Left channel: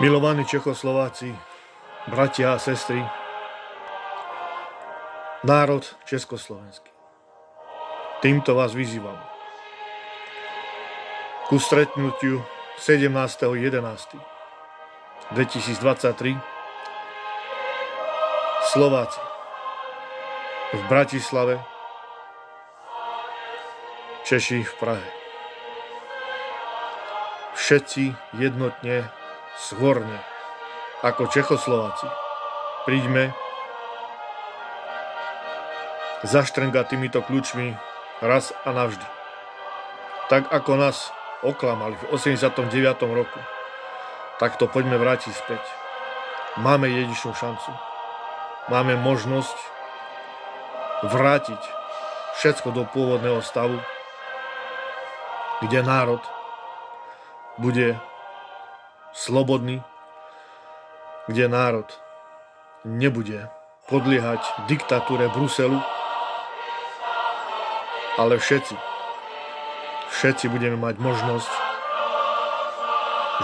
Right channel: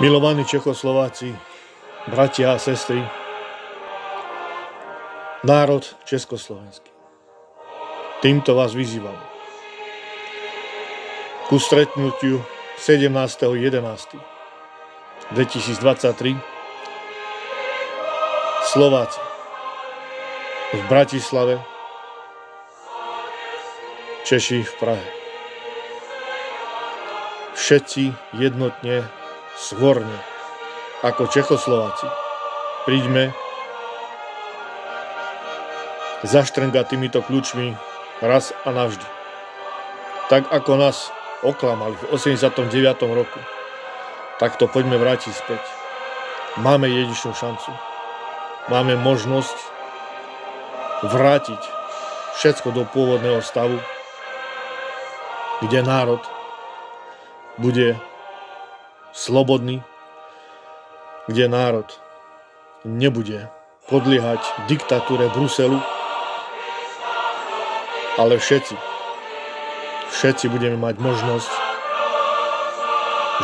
Milovaní Čechoslováci, bratia a sestry, národ československý, týmto vás vyzývam ku stretnutiu 17.11.2023 Slováci v Bratislave, Češi v Prahe. Všetci jednotne, svorne, ako Čechoslováci, príďme zaštrngať týmito kľúčmi raz a navždy. Tak ako nás oklamali v 89. roku, tak to poďme vrátiť späť. Máme jedinečnú šancu. Máme možnosť vrátiť všetko do pôvodného stavu, kde národ bude slobodný, kde národ nebude podliehať diktatúre Bruselu, ale všetci budeme mať možnosť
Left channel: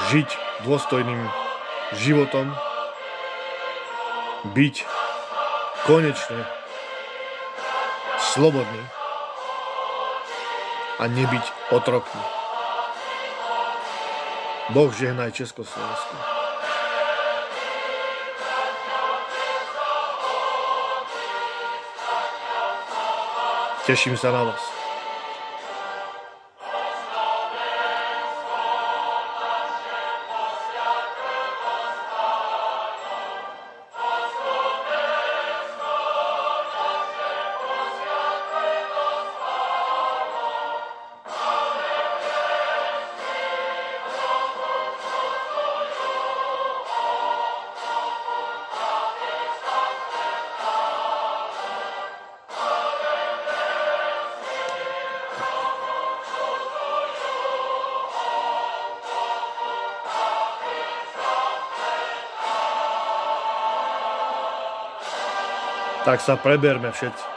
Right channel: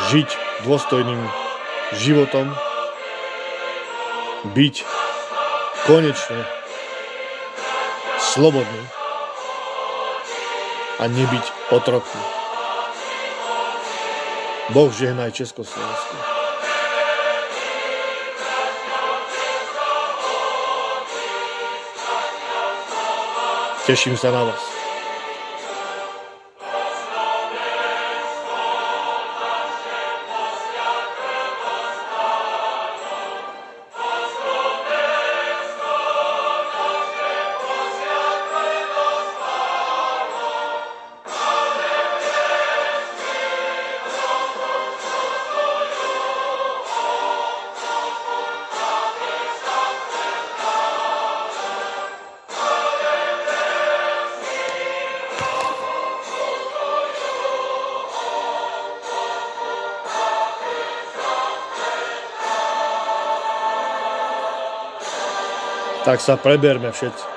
žiť dôstojným životom, byť konečne slobodný a nebyť otrokmi. Boh žehnaj Československu. Teším sa na vás. Tak sa preberme všetci.